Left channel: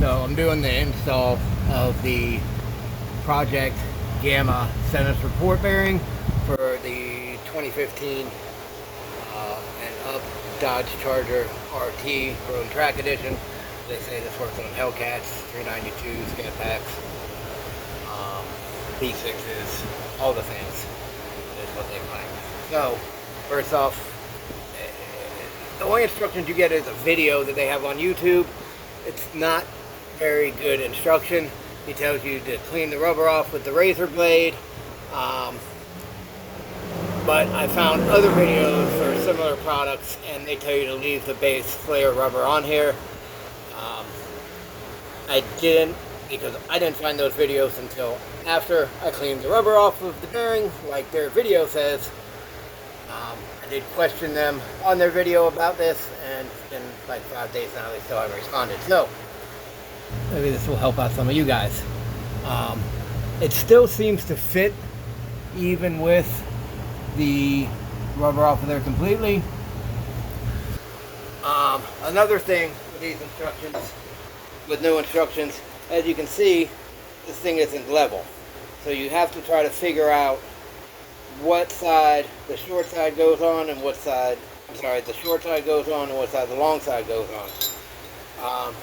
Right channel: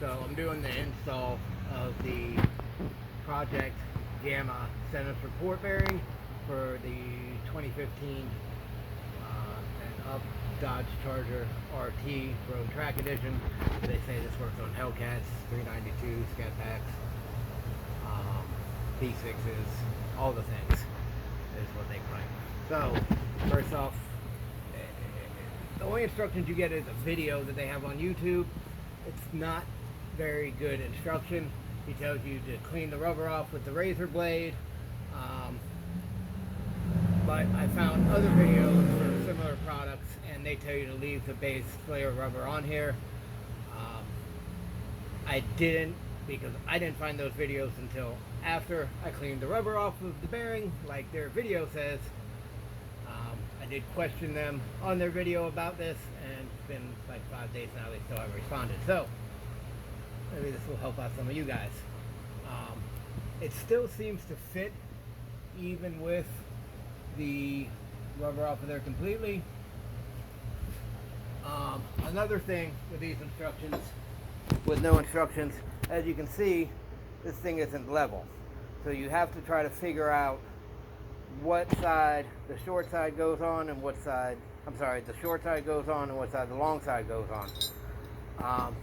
So I'm doing the install of the Project Gamma center support bearing for the 2015 and up Dodge Charger RT Road Track Edition. They say this works on Hellcats, 392 scat packs, P6s, all the things is what they claim. So first off, the only instructions you get is a video that they have on YouTube. It's not very good instruction. He tells you to clean the rubber off with the razor blade. But I found other videos for similar products and they tell you to leave the base flare rubber on here. I didn't, because I didn't find those videos until after I cleaned the rubber off of the bearing, like their video says. I did question them on their video about this, and it's been like 5 days now, they still haven't responded. So maybe this will help out some of you guys. It still seems to fit even with the rubber off of there completely. Another thing with these instructions, with no instructions, as you can see, this thing isn't level. So you have to try to figure out what side the short side goes on and what side, the short side goes on and what side the long side goes on.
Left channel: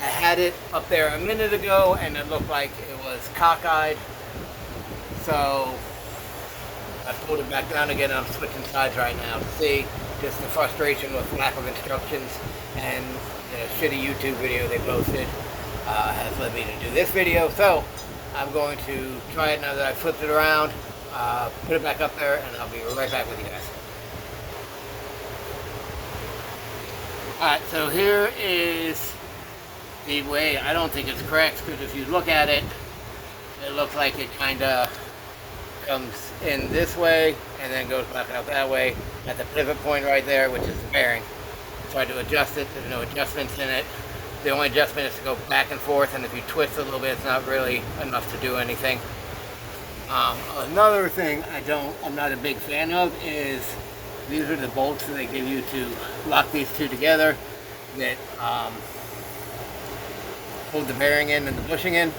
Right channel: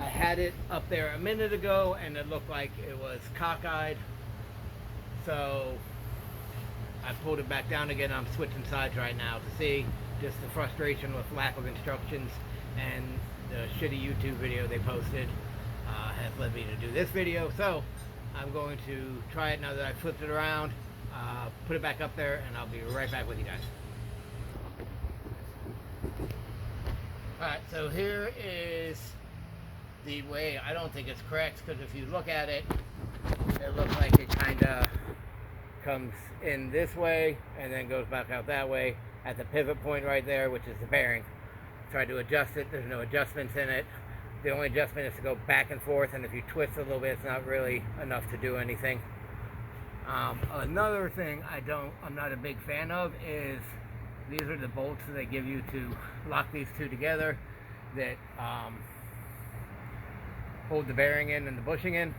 I had it up there a minute ago and it looked like it was cockeyed. So I pulled it back down again. I'm switching sides right now to see just the frustration with lack of instructions, and the shitty YouTube video they posted has led me to do this video. So I'm going to try it now that I flipped it around, put it back up there, and I'll be right back with you guys. Alright, so here is the way. I don't think it's correct, because if you look at it, it looks like it kind of comes in this way and then goes back out that way at the pivot point right there, which is the bearing. Tried to adjust it. There's no adjustments in it. The only adjustment is to go back and forth, and if you twist a little bit, it's not really enough to do anything. Another thing I'm not a big fan of is these are the bolts that they give you to lock these two together that hold the bearing in and the bushing in.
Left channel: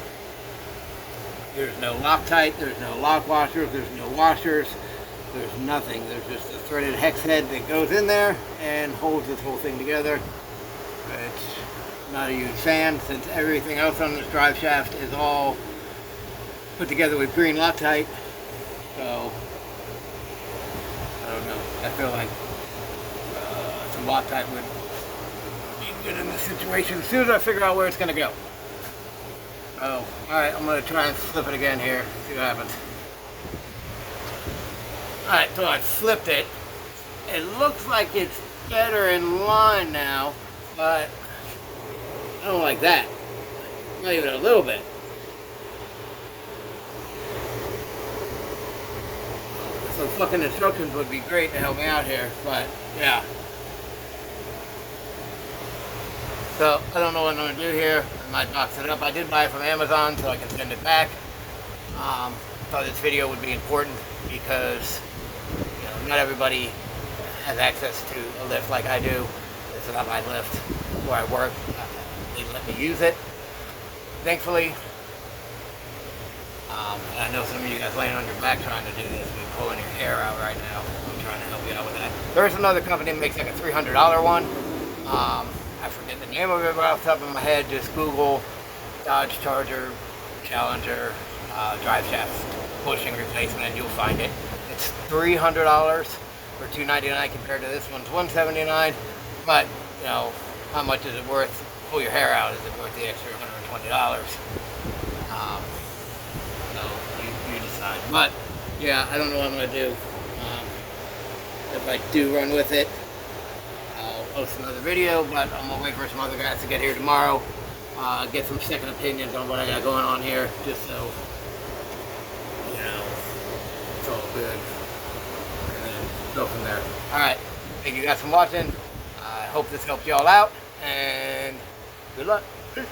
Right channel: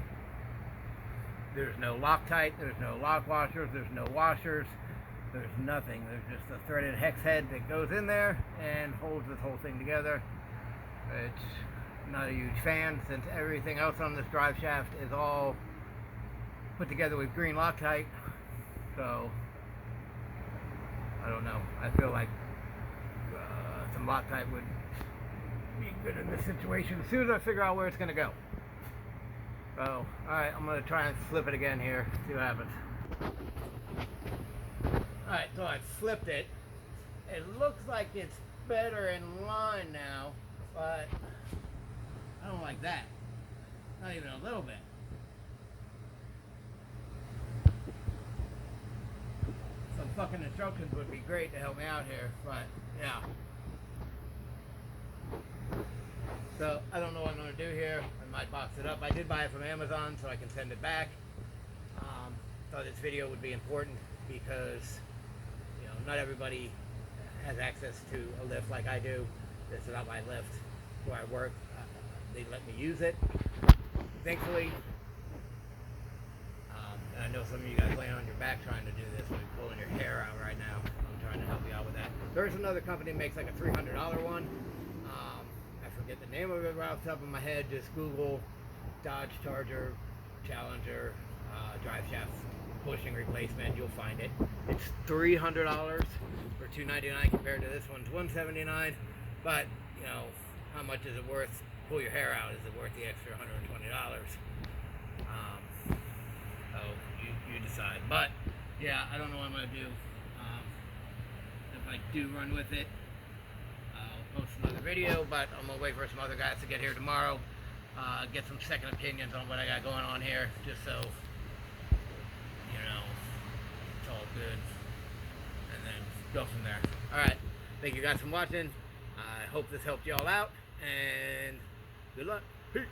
There's no Loctite, there's no lock washers, there's no washers, there's nothing. There's just a threaded hex head that goes in there and holds this whole thing together. It's not a huge fan, since everything else on this drive shaft is all put together with green Loctite. So I don't know. I feel like some Loctite would be good in this situation as soon as I figure out where it's going to go. Oh, alright, I'm going to try and flip it again here, see what happens. Alright, so I flipped it. It looks like it's better in line now, but I don't like that. Not even a little bit. Some fucking instructions would be great to help me out here, but yeah. So I don't know what I'm going to do here. I might box it up. I did buy it from Amazon so I can send it back. Thought this video would be important because not everybody has access to a lift like I do. This is not my lift where I work. They let me use it, thankfully. And I know some of you guys laying on your back trying to do this. We're pulling your hair out right now. I'm trying to help you out with that. There's another company that makes like a $300 one. I forget the name of it off the top of my head. Just Google Dodge Charger Challenger drive shaft bushing replacement and you'll find it. It's $300 for $299 compared to this one's $179. But how much is it worth? Pull your hair out. Is it worth the extra $120? So you decide. But yeah, I don't know what I'm gonna do. If I do run with it, post another video, but I'm gonna wait for some other guys to get here tomorrow, get some second opinions on what I got going on here, just so it's all good, and then go from there. Alright, thank you guys for watching. I hope this helped y'all out, and good luck. Peace.